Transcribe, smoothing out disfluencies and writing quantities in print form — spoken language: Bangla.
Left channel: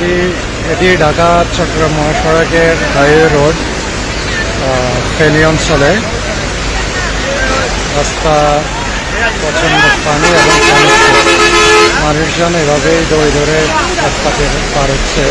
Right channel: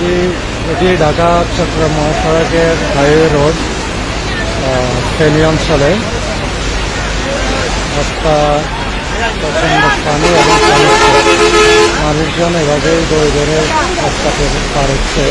এটি ঢাকা চট্টগ্রাম মহাসড়কের হাইওয়ে রোড ফেনী অঞ্চলে। রাস্তা প্রচণ্ড পানি এবং মানুষজন এভাবেই দৌড়ে দৌড়ে রাস্তাতে পার হচ্ছে।